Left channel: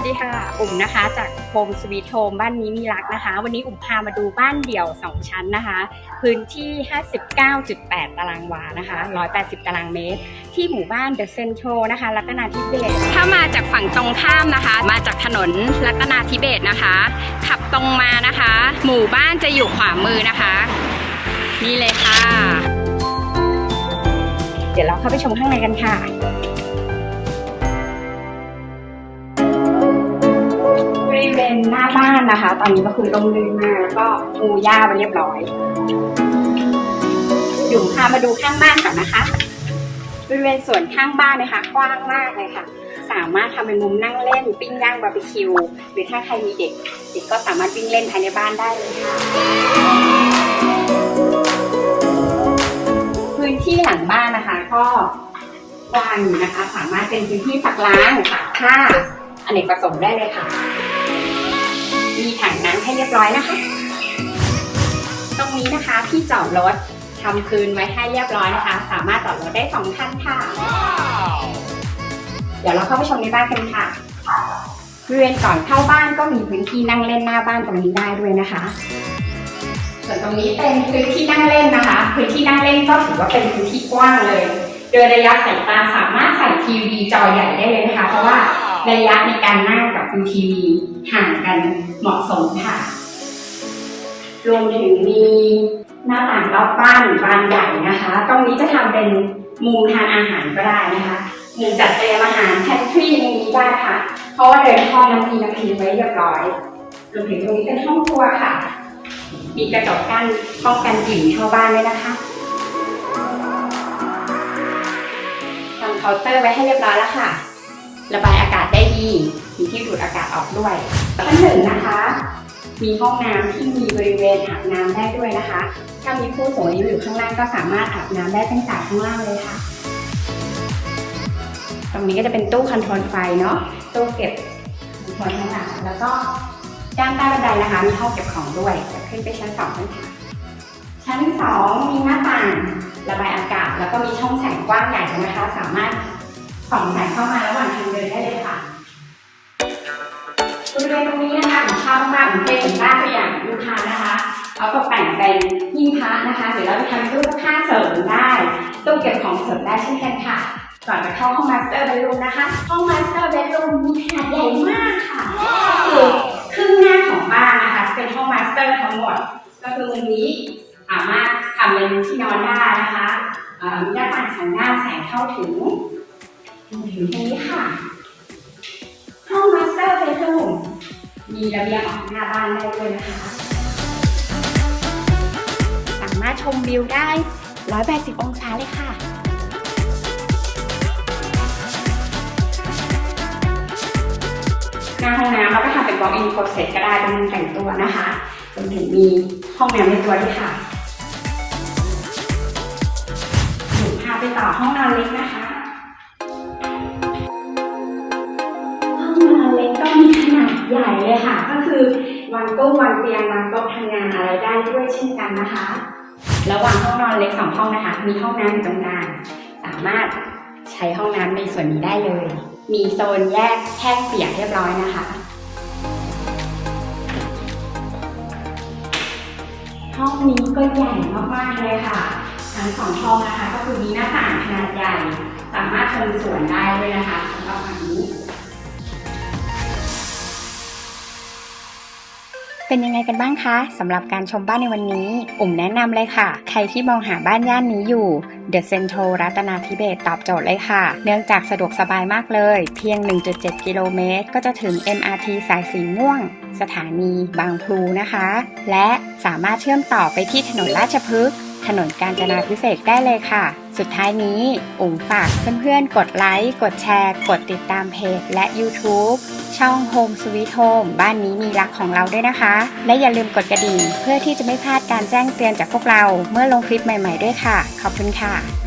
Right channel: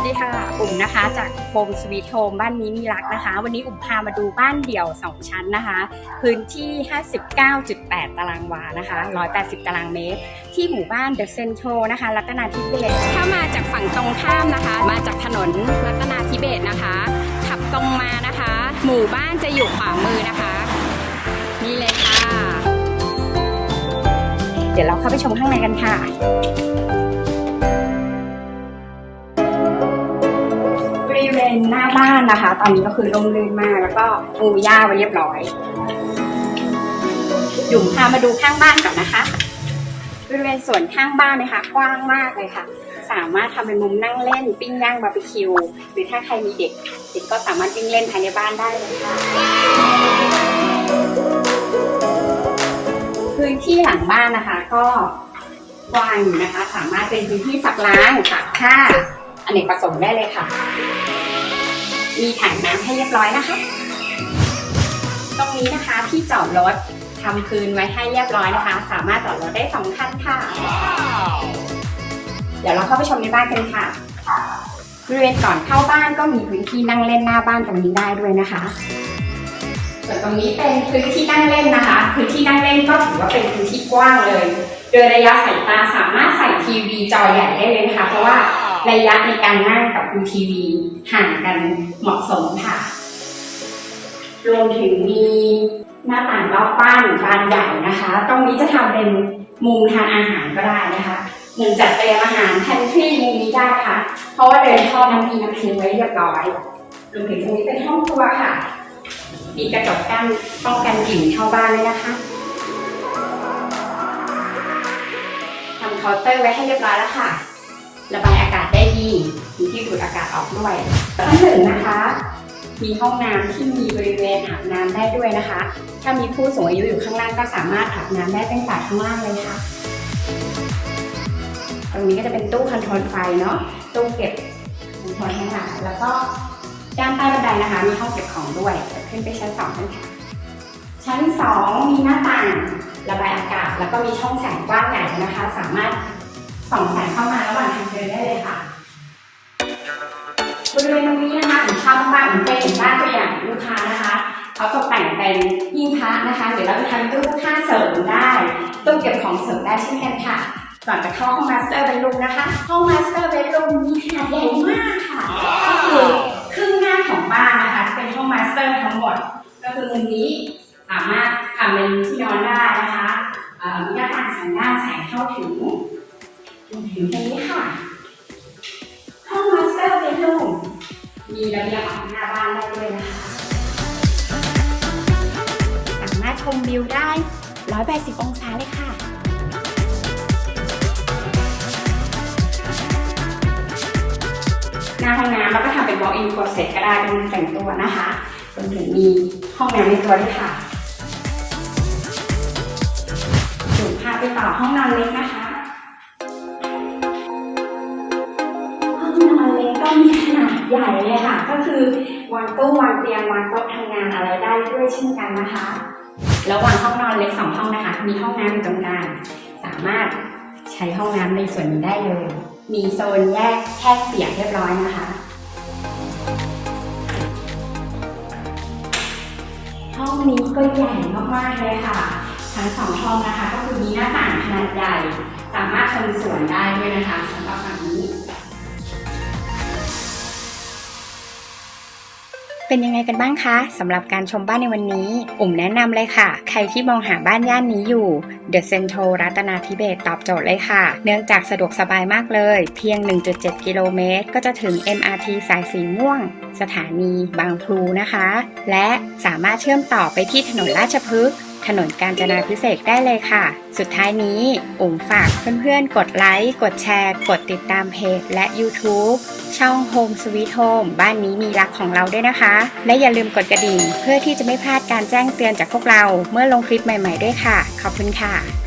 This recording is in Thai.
สดีค่ะ อุ่มนะคะ จากโฮมสวีทโฮมบ้านนี้มีรักนะคะ วันนี้อุ่มพามาดูบ้านเดี่ยว 2 ชั้นนะคะ พื้นที่ 59.8 ตารางวานะคะ 180 ตารางเมตร ที่หมู่บ้านเดอะเซนทรัลนะคะ รัตนาธิเบศถ้ามาจากฝั่งตรงข้ามนะคะ มาจากถนนรัตนาธิเบศนะคะ ขับตรงมานะคะ หมู่บ้านจะอยู่ขวามือนะคะ นี่เลยค่ะ เดี๋ยวเราเข้าไปชมข้างในกันค่ะานนะคะ ตอนนี้ก็คือร่มรื่นมาก แล้วก็ปูหญ้าไว้เรียบร้อย หยุ่มพามาดูข้างบ้านก่อนนะคะบริเวณส่วนข้างบ้านนะคะ กว้างมากเลยค่ะ สามารถทำเป็นมุมนั่งเล่น ปิ้งย่างบาร์บีคิว หรือถ้าใครมีเด็ก เด็กก็สามารถวิ่งเล่นภายในบ้านได้เลยค่ะ พื้นที่หลังบ้านนะคะ ก็กว้างอยู่นะคะ สามารถเป็นพื้นที่สักล้างค่ะผ้าอเนกประสงค์ได้เลยค่ะ มีถังน้ำให้เรียบร้อยนะคะ ตรงนี้นะคะที่จอดรถทำคืนไว้ให้เรียบร้อยนะคะ สามารถจอดรถได้สองคันค่ะ เดี๋ยวเราเข้าไปชมในบ้านกันค่ะบริเวณก่อนเข้าบ้านก็มีพื้นที่นั่งเล่นหน้าบ้านตรงนี้ได้ด้วยนะคะ ส่วนตรงนี้เป็นพื้นที่นั่งเล่นนะคะ พื้นที่นั่งเล่นก็ถือว่าเป็นพื้นที่กว้างเลย โดยระยะสายตาสามารถใส่ทีวีจอใหญ่ได้เลยนะคะ เพราะว่า ระยะในการนั่งกับดูทีวีห่างกันเหมาะสมค่ะ รวมถึงมีหน้าต่างรอบบ้านบานใหญ่นะคะ ตรงนี้จะทำเป็นมุมทานอาหารก็ได้นะคะมุมจัดเตรียมอาหารแพนทรีมุมนี้ได้ค่ะ เพราะว่าเดินท่อน้ำมีน้ำทิ้งไว้เรียบร้อยรวมถึงตรงนี้เป็นห้องครัวค่ะ มีกระจกกั้นป้องกันกลิ่นเข้าบ้านด้วยนะคะทำเคาน์เตอร์ไว้ให้เรียบร้อยแล้วค่ะ ระบายอากาศได้ดี มีที่ดูดอากาศออกด้วยชั้นหนึ่งนะคะ มีห้องน้ำที่มีบริเวณอาบน้ำได้ด้วยนะคะ ถ้ามีผู้สูงอายุอยู่ข้างล่างก็สามารถอาบน้ำได้ตั้งแต่ข้างล่างเลยค่ะ ตรงนี้ก็จะเป็นตู้คอนโทรลไฟเนาะ ตู้เก็บคอนโทรลทั้งหลายแล้วก็ด้านใต้บันไดนะคะมีห้องเก็บของด้วยเดี๋ยวขึ้นไปชั้นสองกันค่ะ ชั้นสองมีหน้าต่างระบายอากาศ แล้วก็มีช่องแสงกว้างใหญ่นะคะ สามารถ สองแสงเข้ามาระหว่างทางเดินได้เลยค่ะบริเวณตรงนี้นะคะผมชอบมากๆผมเคยเห็นบ้านตัวอย่างลูกค้านะคะเขาตกแต่งเป็นหิ้งพระนะคะเดี๋ยวเราจะทำตู้ผ้าเสริมได้ตู้เก็บของเสริมได้เช่นกันค่ะก่อนจะเข้าห้องมาสเตอร์เบดรูมนะคะห้องมาสเตอร์เบดรูมมีขนาดใหญ่มากค่ะก็คือครึ่งหน้าของบ้านนะคะเป็นห้องมาสเตอร์ทั้งหมด ก็คือมุมนี้สามารถทำเป็นที่นอนได้นะคะมีหน้าต่างสองหน้าแสงเข้าถึง รวมถึงตรงนี้ค่ะ ห้องมาสเตอร์เบดรูมมีระเบียงออกหน้าบ้านได้ด้วยนะคะ สามารถชมวิวได้ 180 องศาเลยค่ะหน้าห้องน้ำเราก็ทำเป็น walk in closet ก็ได้เป็นแต่งตัวนะคะรวมถึงมีห้องน้ำในตัวด้วยค่ะหนูพาไปต่อห้องนอนเล็กนะคะ ใหญ่เลยค่ะ ก็คือวางตู้วางเตียงวางโต๊ะทำงานอะไรได้ด้วยเช่นกันนะคะระหว่างห้องนอนเล็กสองห้องนะคะ มีห้องน้ำอยู่ตรงกลางสามารถใช้ห้องน้ำในส่วนนี้ได้เลย มีโซนแยกแห้งเปียกเรียบร้อยนะคะ ห้องนี้ก็ใหญ่มากๆเลยค่ะ ทั้งสองห้องนะคะ ก็คือมีหน้าต่างขนาดใหญ่ สามารถชมสวนได้ด้วยนะคะสำหรับฝั่งนี้ เป็นยังไงกันบ้างคะสำหรับการชมบ้านในวันนี้ อุ่มแนะนำเลยค่ะ ใครที่มองหาบ้านย่านนี้อยู่ The Central รัตนาธิเบศตอบโจทย์เลยค่ะ เนื่องจากสะดวกสบายมากเลย เพียง 1.7 กิโลเมตร ก็จะถึง MRT สายสีม่วง สถานีบางพลูนะคะ และสามารถเชื่อมต่อไปที่ถนนราชพฤกษ์ นนกาญจนาพิเศษได้เลยค่ะ สุดท้ายนี้อุ๋มฝากเพื่อนๆ กดไลค์ กดแชร์ กดติดตามเพจและ YouTube ช่อง Home Sweet Home บ้านนี้มีรักของเราด้วยนะคะ และอย่าลืมกดกระดิ่ง เพื่อที่จะไม่พลาดการแจ้งเตือนจากพวกเราเมื่อลงคลิปใหม่ ๆด้วยค่ะ ขอบคุณค่ะ